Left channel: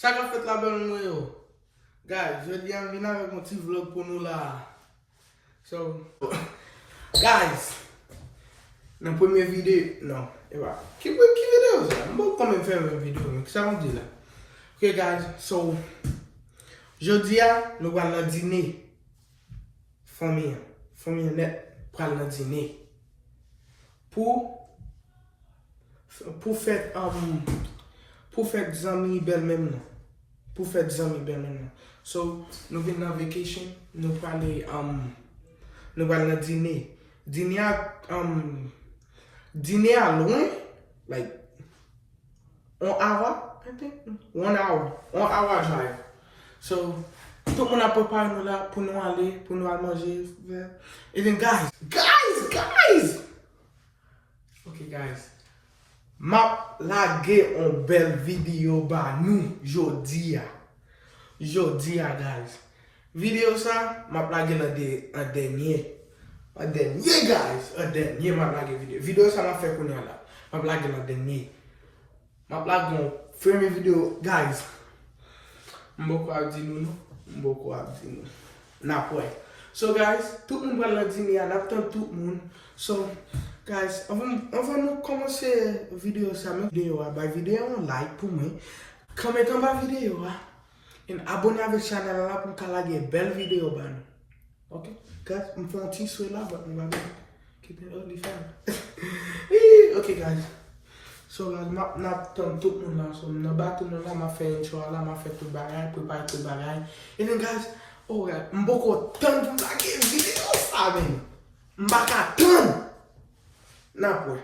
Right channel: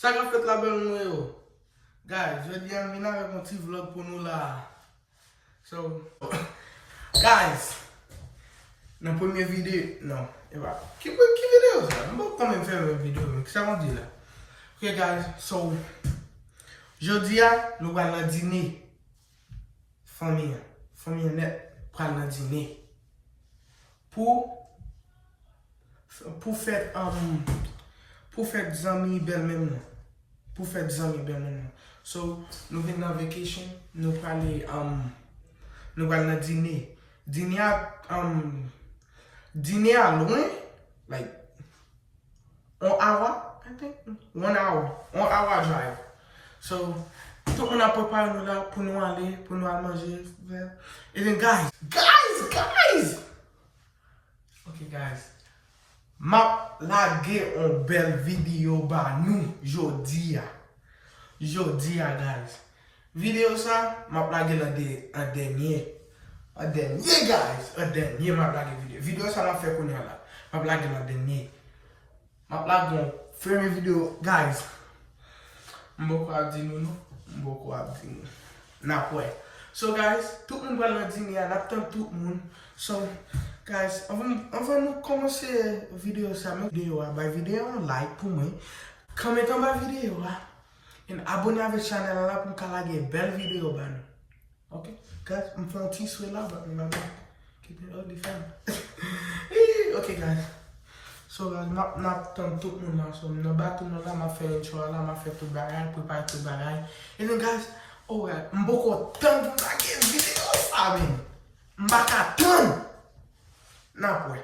Ça va fait la belle nous. Guys, je dis à venir avec un petit vlog pour nous là. So, guys, dans la première vidéo, non, et voilà. Qui vidéo ça? Je vais quand même faire une vidéo, qu'est-ce qu'on dit là? Ok, guys, so, je dis à nous allons dîner. Famille net, prendre dîner. Pour faire des amis belles même. Pour faire des amis belles même. So, nous venons en vacation, nous allons dîner. Dîner à loin, like 1 hour, I think. 1 hour. 1 hour drive. So, tout le monde a préparé nous là pour nous aller manger. Et then guys. Ok guys. M'a lagué une belle vidéo ba nous jodi guys. Vidéo ça m'a lagué un dernier guys, un dernier m'a lagué vidéo. Vidéo ça m'a fait connaître là. M'a lagué un dernier. M'a lagué une première vidéo guys. Mboko a dit nous. So guys, tout le monde va le dîner, on attend tout le monde. So guys, avant nous commencer la vidéo, la vidéo un like pour moi. Commentez ma vidéo et abonnez avec la chaîne là pour qu'elle ait une belle vidéo. Ok? Guys, je fais un petit souhait là, on va keep it only fun. Ok guys. So guys, on attend tout le monde là. So on va tout le monde là, on fait une chose là, on fait tout le bagage, préparer tout le bagage. Et then guys, oh ouais, m'boko tant pour la vidéo ça même. M'baka tant. Na pwe.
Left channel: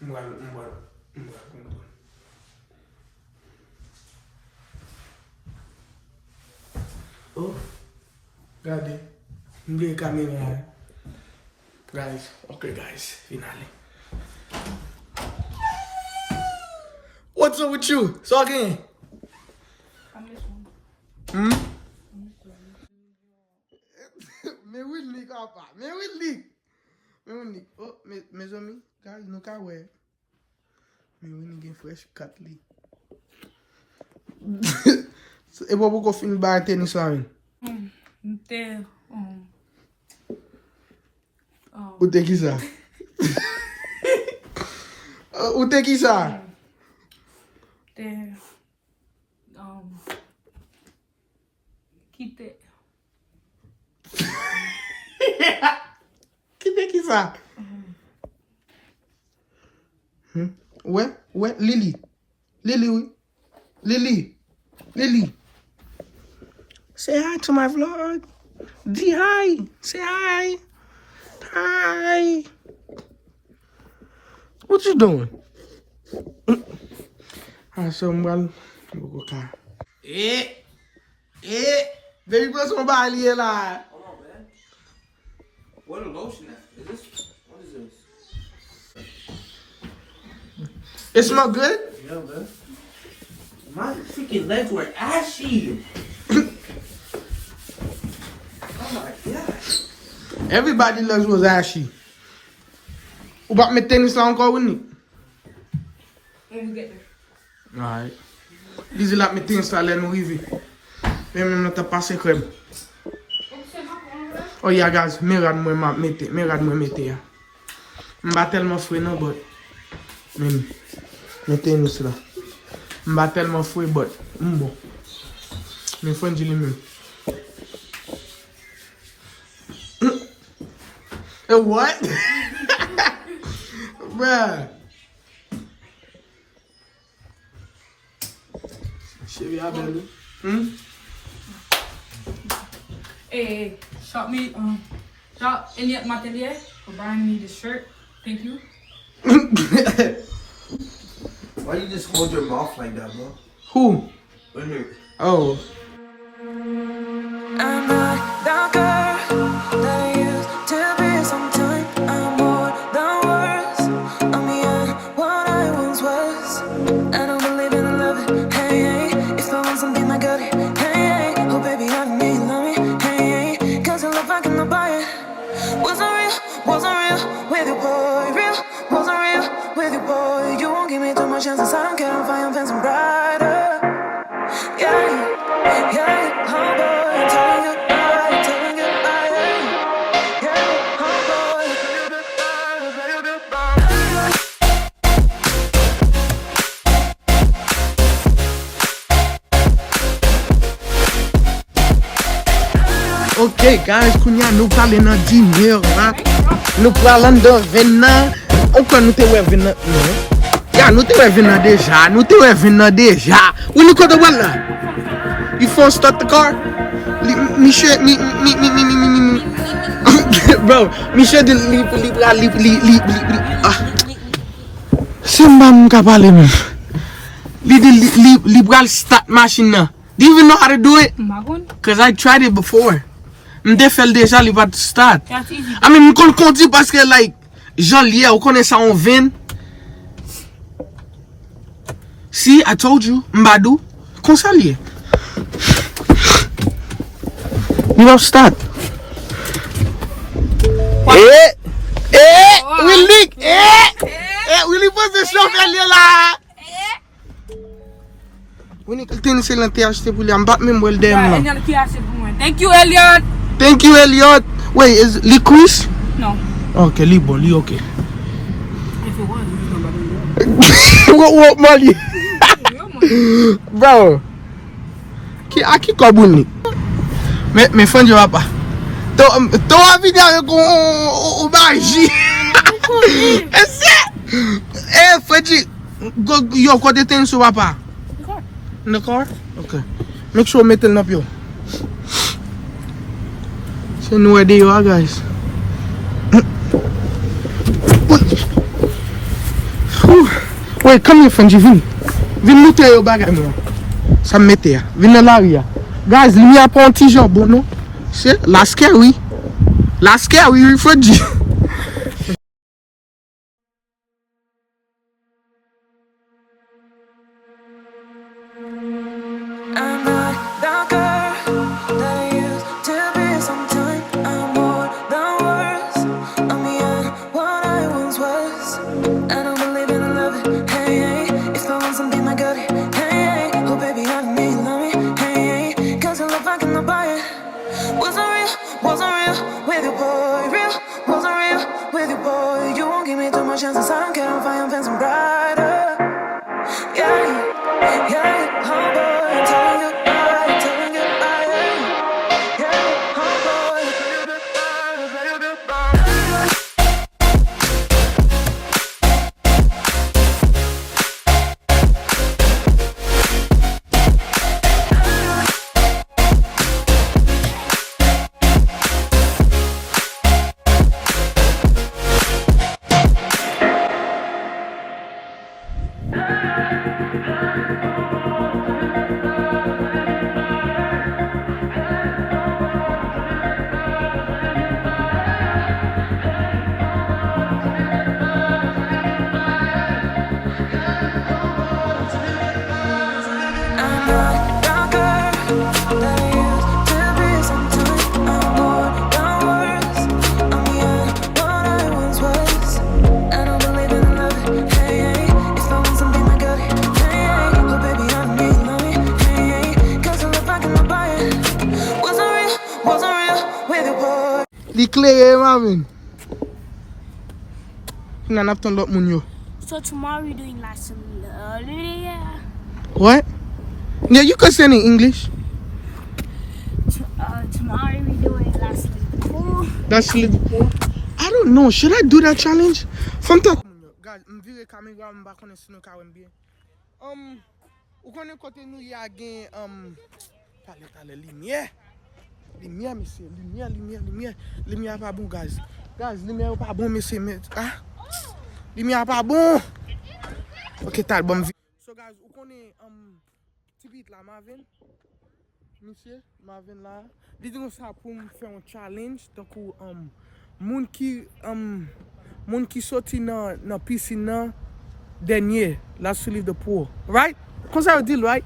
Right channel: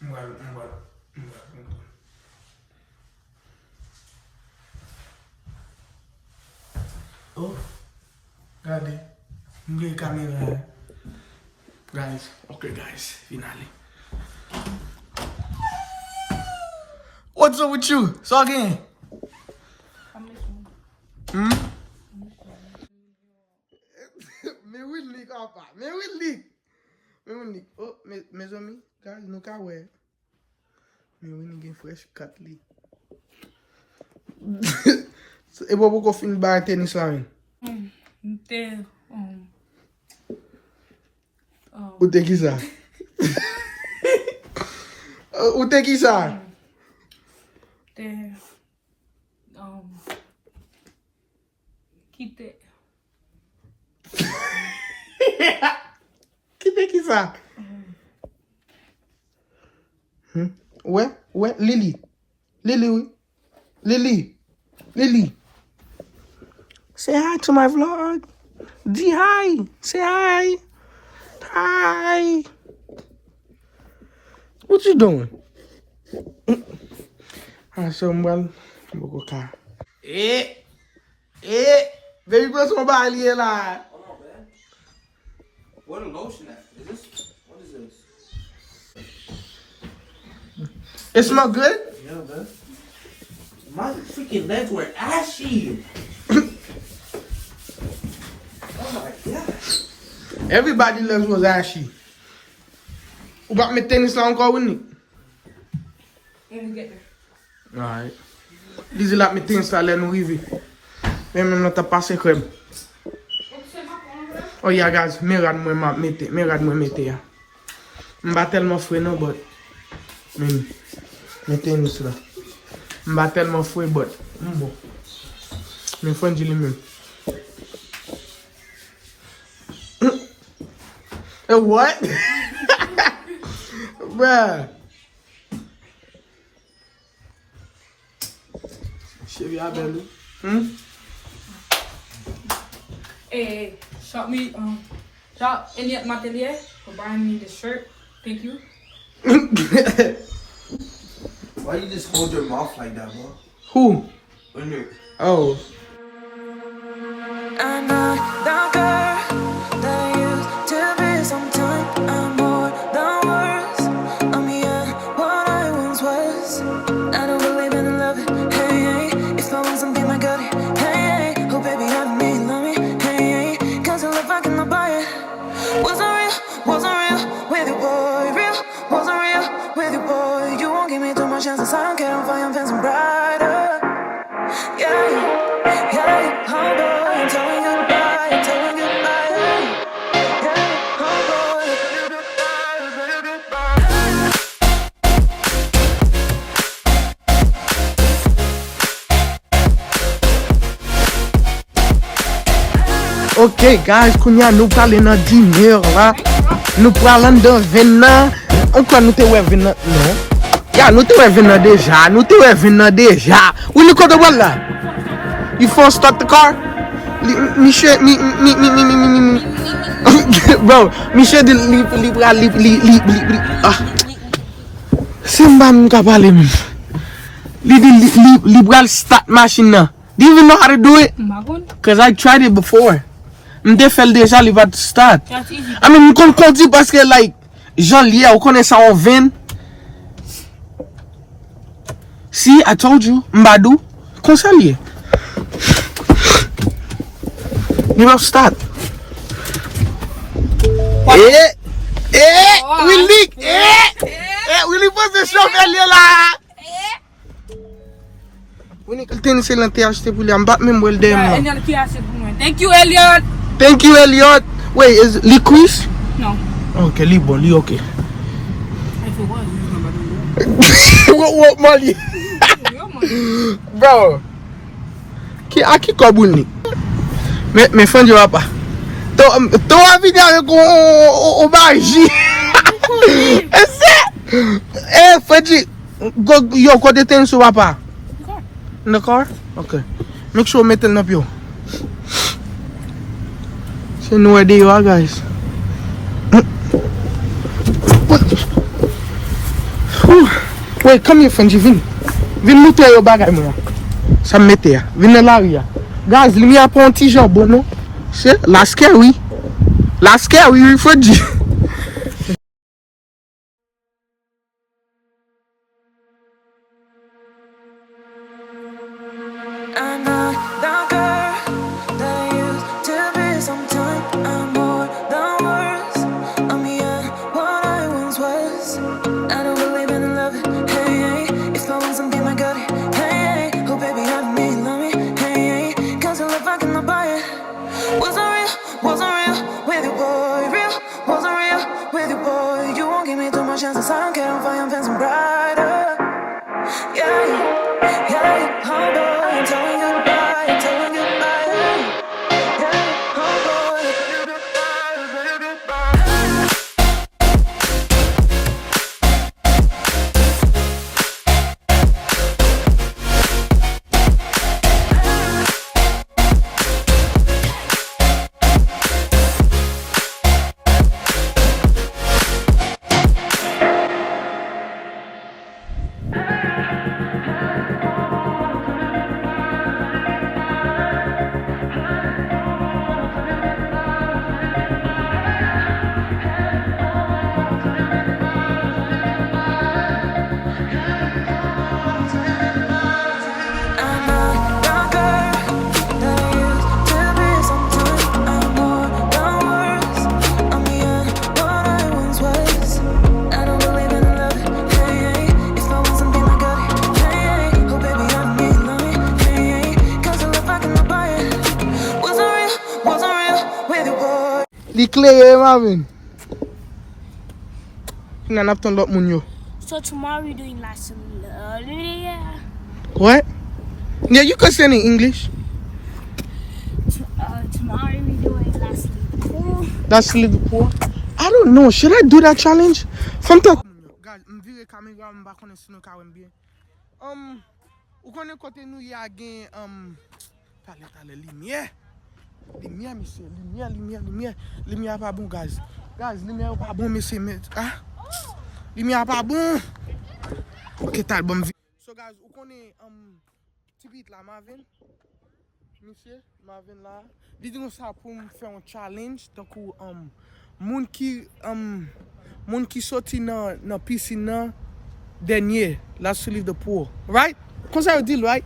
Mwal. Oh, regardez. M'oubliez caméra. Guys, okay guys, finally. What's up with you? So again. Mais oui, papa. Mais oui. Oh, mes amis, guys, nous ka ouais. Mais oui, nous fresh cut li. Et pourquoi qu'on finit par tennis là? Où t'es qui ça? Où t'es qui ça? Quitte. Qui ça? Ouais, Lily. Oui. Lily. Say hi to my vlog. Di hi. Say hi. Hi. What you doing? So well, go car. Baby, what's my body là? Hold on, man. What a lotion at? What is this? It smell good? Yeah, man. My freaking legs were ashy. Oh my god. Everybody loves was ashy. Ou pas mettre tennis là encore with me? When we get there. Alright. Dizzy la mettre tennis là, là nous arriver. Même nous t'as passé crème. Oh yeah guys, regarde moi mettre ya. M'ba tellement fouet non but. Mettez tennis là. M'ba tellement fouet but. Bon. Mais faut dire même. What? Bruh. Chérie Abelou. Hey, shop any at Matelier for buying me the shirt. Thank you. Why you just hold your mouth like that, bro? Who? When you Oh. I'm not the girl that I used to be. Sometimes I'm more than words. I'm beyond what I once was. I don't believe in love. Hey, if I want something, I got it. Hey, oh baby, I don't need love me. Hey, cause I love I cannot buy it. Wasn't real with you. you, boy. Real, wasn't real with you, boy. You won't give me too much chances. I don't care if I am fancy brighter. Yeah, oh boy, I'm telling you goodbye, I'm telling you goodbye. Yeah, oh boy, I'm telling you goodbye, I'm telling you goodbye. Ok guys, kounya nou prale nan diner la. Nou prale nan vin nan. Kwa nou te we vin nan? Non. Ya, nou te we vin nan deja. Nou te we vin nan deja. Ou ni kote wala la? You phone start the car? Monsieur, bro, monsieur di li ah. Simban ka pale mi. Li bral start machine na. Do you even know how to do it? Cause I tried it before. Mde fel deja li va start. That's easy. I mean, m kon konti paske like Jean liye ou konen sa on vin. See, I told you, mbadou. Kon sa liye. You don't start. Willy! Willy pose chauffeur liye la. Willy kalten se lan te achete pou li am bat men mwel dem nan. Thank you, Elliot. Thank you, Elliot. Wait, is li quiz? No. Okay, li bon, li okay. What Mali? Bro. Aki kobouni. Me fon jo apa. To avide avec o baji. Ese. Freddy, yo kote ten so apa? In the car? Okay. Make sure metal nap yo. So know where they are, guys. Wait, come here, Frenchie, vin. Vin nou te yo bagay mwen. Sa mette ya. Vin nan la ya. Guys, li mi apon ti job, bon no? Se, la scary. La scary, Frenchie. I'm not the girl that I used to be. Sometimes I'm more than words. I'm beyond what I once was. I don't believe in love. Hey, if I want something, I got it. Hey, oh baby, I don't need love me. Hey, cause I love I cannot buy it. Wasn't real with you, boy. Real, wasn't real with you, boy. You won't give me too much chances. I don't care if I am fancy brighter. Yeah, oh boy, I'm telling you goodbye, I'm telling you goodbye. Yeah, oh boy, I'm telling you goodbye, I'm telling you goodbye. Li kleye, Marvin. Nan ap ton lot moun yo. So tomorrow we're doing like some What? Yeah, you can say it in English. tomorrow we're doing like some pool. That's a little poor. I don't know. Should I do that challenge? Sometimes. Guys, mvire kamera mba konen sino ka wembe. Ou konen kote nou ya gen tale lumière. Lumière, monsieur. Lumière pas bon, guys. Guys, lumière pas bon, monsieur. Ah? Lumière pas bon. Ok, t'as bon. So, guys, ou connaît petit la Marvin? Monsieur, Marvin là. Dis-nous ça pour me faire un challenge. Donc, moun qui sorti dans piscine nan dernier, la soulive de pour. Right? Comme ça, vous dites, right?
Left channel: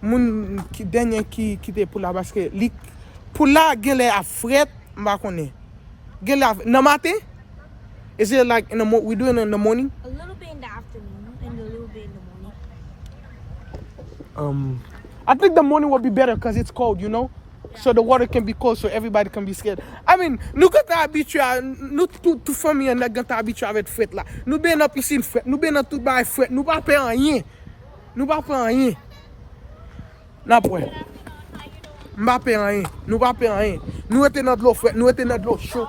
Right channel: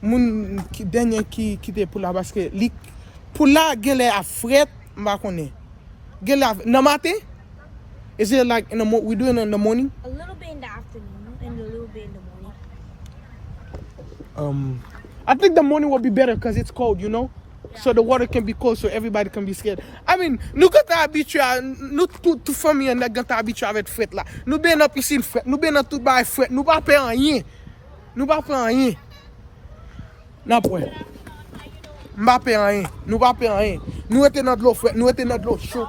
Moun qui dernier qui était pour là parce que pour là gen les a fret m'a connait gen la nan matin Is it like we doing it in the morning? A little bit in the afternoon and a little bit in the morning. I think the morning will be better because it's cold, you know? So the water can be cold so everybody can be scared. I mean, nous quand habitué, nous toute famille on est habitué avec fête là. Nous bien dans piscine fête, nous bien dans tout bail fête, nous pas faire rien. Nous pas faire rien. N'a point. M'pa faire rien. Nous pas faire rien. Nous était dans de l'eau fête, nous était dans de l'eau chaud.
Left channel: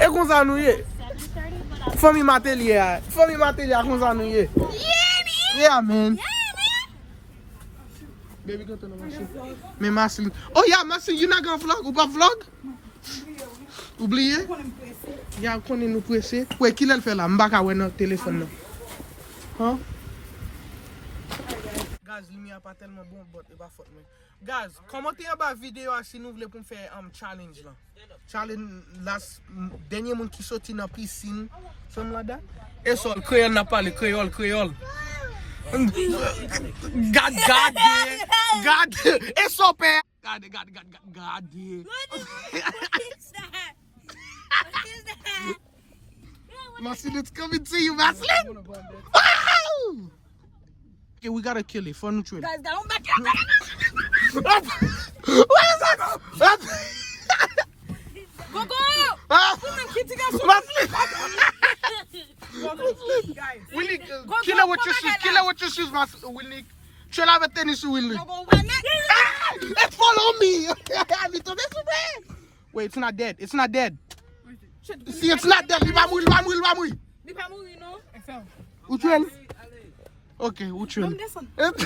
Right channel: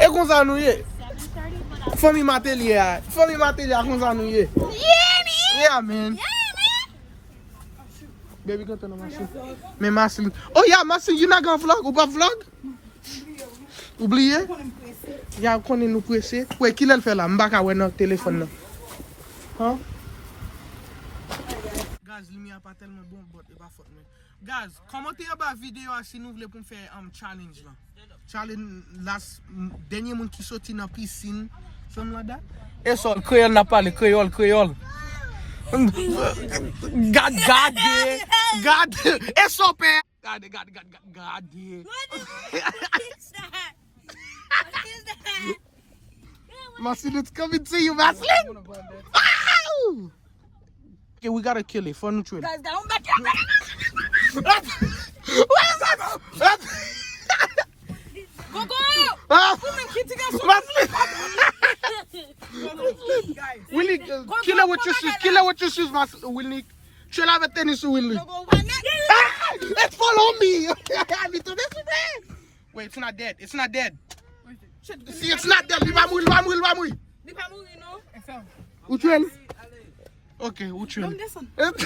Et comme ça nous y famille matelier comme ça nous y yeah man. Baby, go to the machine. Mais Marceline. Oh yeah, Marceline, you not gonna vlog? Ou pas vlog? Oublié? Ya, konen nous pressé. Ouais, qui l'a fait là? M'baka ouais notre téléphone là. Hein? Guys, lumière pas tellement bon, but it pas faute mais. Guys, commentez en bas vidéo si nous voulez pour faire challenge là. Challenge last dernier monde qui sorti dans piscine, sommes là-dedans. Et ça, créole n'a pas le créole. God, it's so bad. God. Marcel, it's coming to you, Marcel. Okay, we gotta kill it for neutral. Guys, down back here. What is that? Go! Willie, kill her with your shoes. Kill her with your shoes, Willie. Chill out with tennis, Willie. It follow me. Wait, it's not dead. It's not dead. See, it's not dead. Vamos. Which one? Okay, which one? This one. What's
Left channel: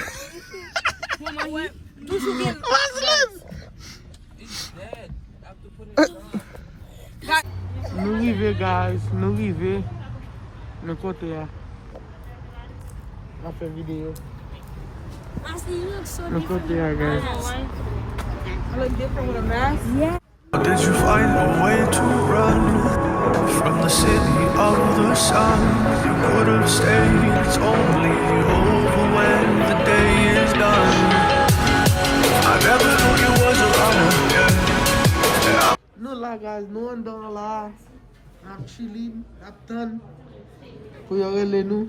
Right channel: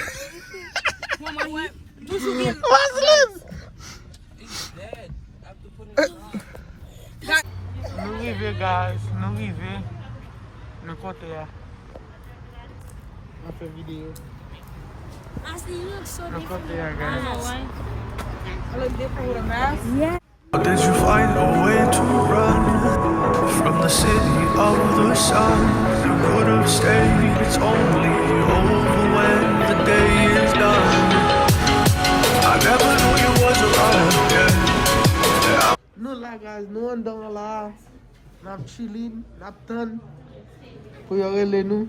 this? It's dead. After putting it on. Nous vivons, guys. Nous vivons. N'importe quoi. Après vidéo. Did you find a way to run from the city of the sun? You could have stayed, it's only over when the day is done. I never knew you was a runner, yeah. No lie, guys, no one don't lie. Not chilling, not done. Who you really know?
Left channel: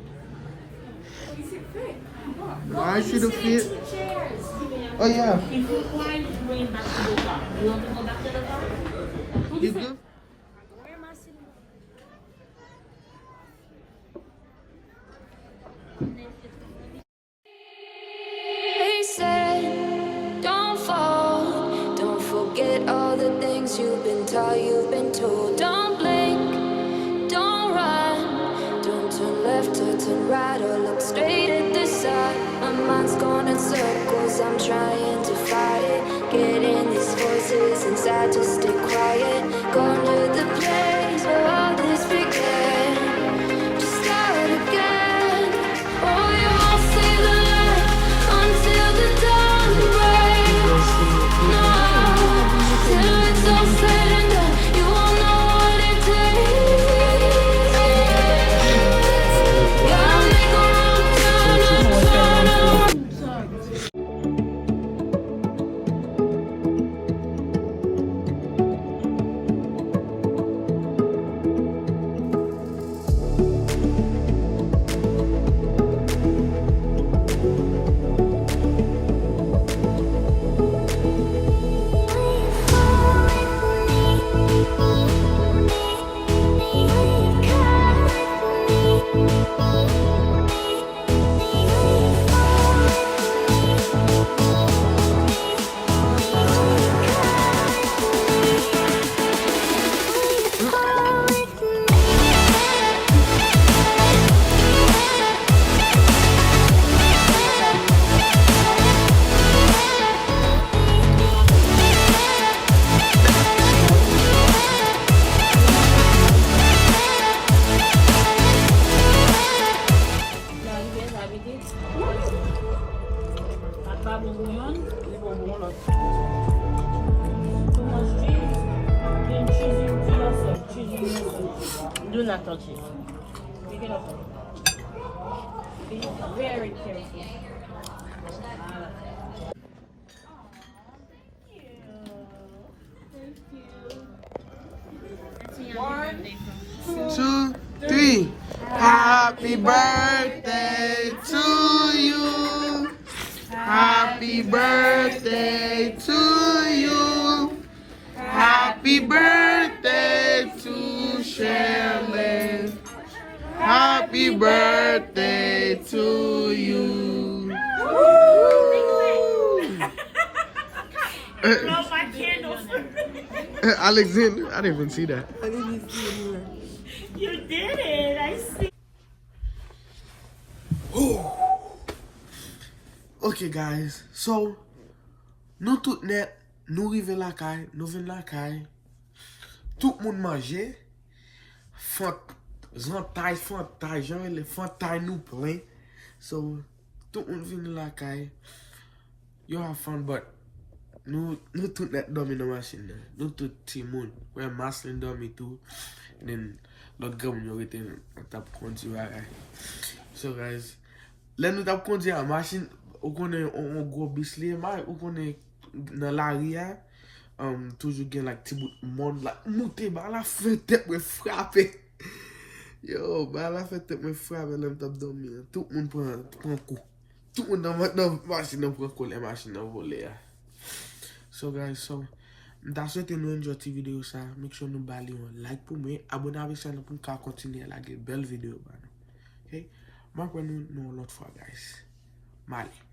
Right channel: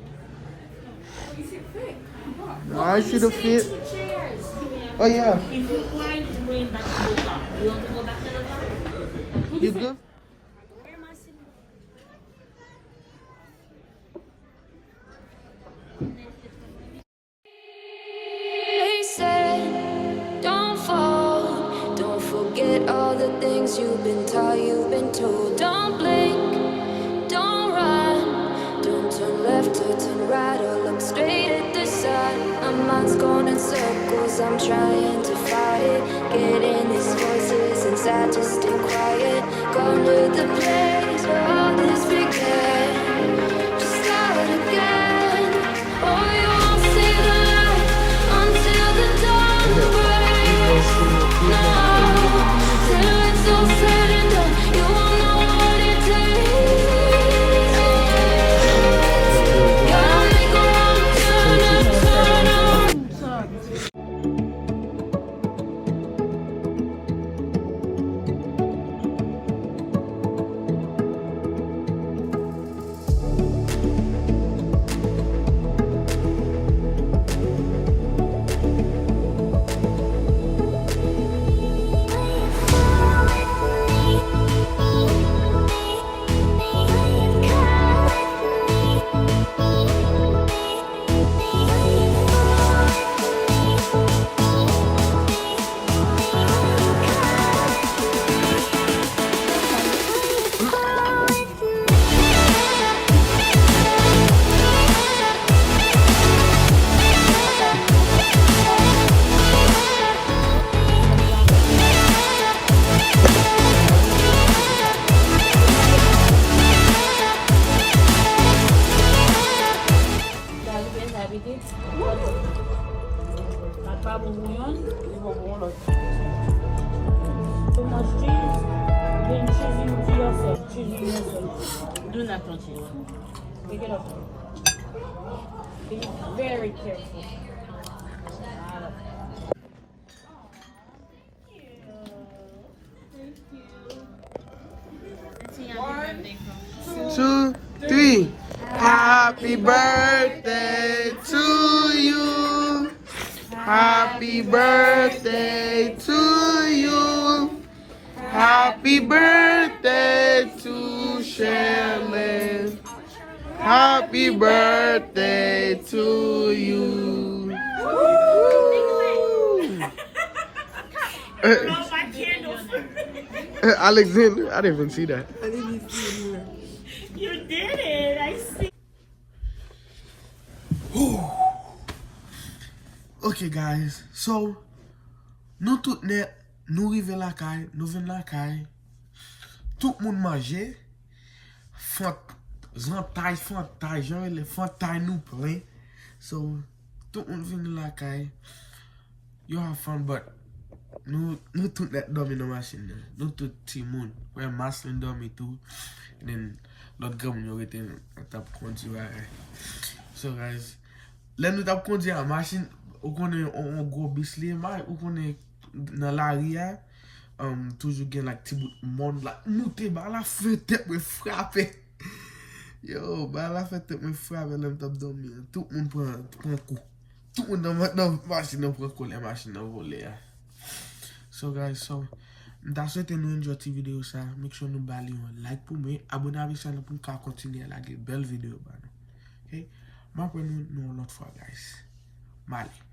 I should have fit. Oh yeah. You good? They said, don't fall, don't forget all the things you've been taught, you've been told. Don't blink, don't run, don't turn left or turn right or look straight at the sun. My mind's going in circles, I'm trying to fight it, getting these voices inside to stay quiet. Going to the place where all this began, just start again. Oh, you won't see the light until the dawn breaks. No, till it's all said and done, you won't know what it takes. Gotta make a wrong turn and turn around. Do not touch it. Be very careful. Thank you. 2, 3. Happy birthday to you. Happy birthday to you. Happy birthday to Shirley. Happy birthday to you. Alexander, I didn't even see that. You did it. I see. Okay guys, so nous tout net, nous rive la caille, nous venons la caille. Tout le monde mange. Fantaille, genre les fantaille nous plein. So tout le monde vient la caille. You have fun, but nous tout net dormi dans la machine. Nous tout petit monde. Ouais, Maslin dormi tout. Then l'autre gars nous était en tap conduire. So guys, là nous tap conduire la machine. Ou konen on gros bisli ma, ou konen nan la ria, toujou gen like ti bout moun la, moute ba la fete mwen frape. Yo, ba la fete mwen frape lèm tap dormi. Tout moun pran kou. Tout moun nan machine nan pran kou, le machine nan vole ya. So guys, mta souhaite nou enjoy ti video sa. Make sure nou bali yon like pou mwen, abonne avèk channel pou ka kontinye la ge bel video ba nou. Okay? Ma pren nou lot fwa guys. Mali.